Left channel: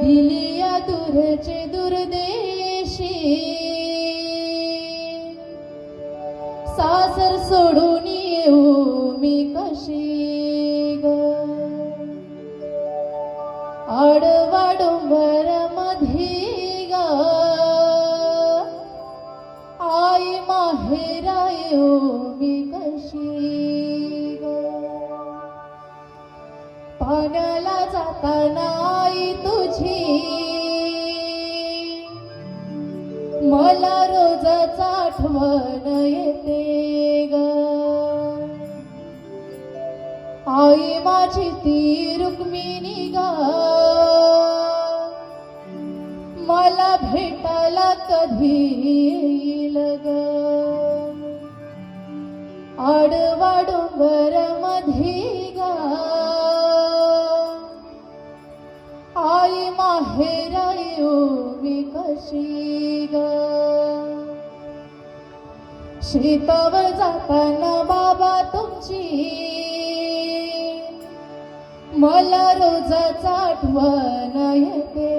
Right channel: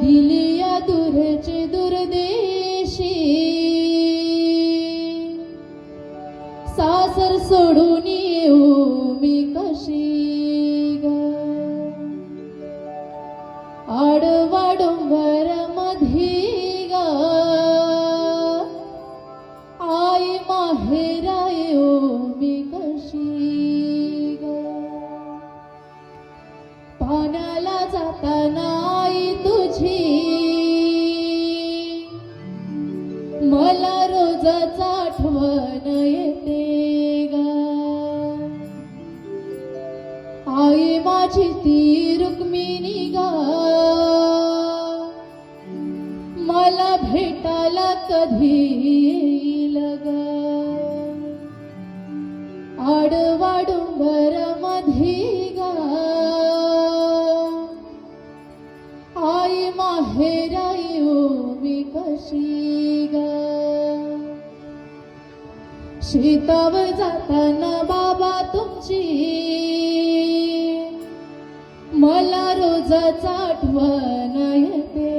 दिली या दूरचे दुर्देशी, सासर सोडून येऊ मी कशी ग. आडवा डोंगर मध्ये ग आई माहेरा येऊ मी कशी ग. पाण्याला जाताना आई तुझी मला रोजच आठवण येते ग. आई माझी ती रुक्मिणी ग मला भेटायला कधी येईल ग. आडवा डोंगर मध्ये ग आई माहेरा येऊ मी कशी ग. शेतावर जाताना बाबा तुमची मला रोजच आठवण येते.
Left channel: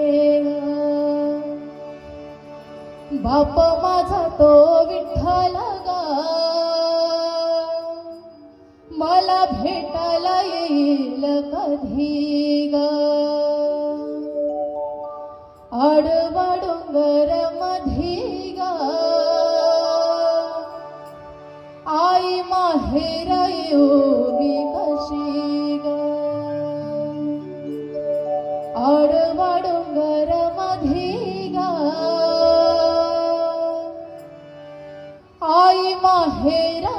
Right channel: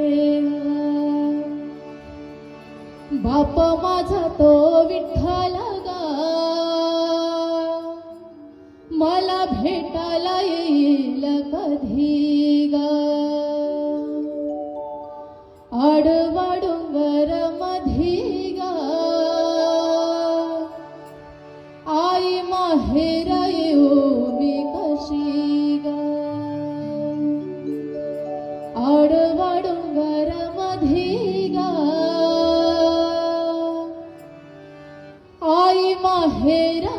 बाप माझा तो विठ्ठल ग मला भेटायला येईल कधी ग. आडवा डोंगर मध्ये ग आई माहेरा येऊ मी कशी ग. आडवा डोंगर मध्ये ग आई माहेरा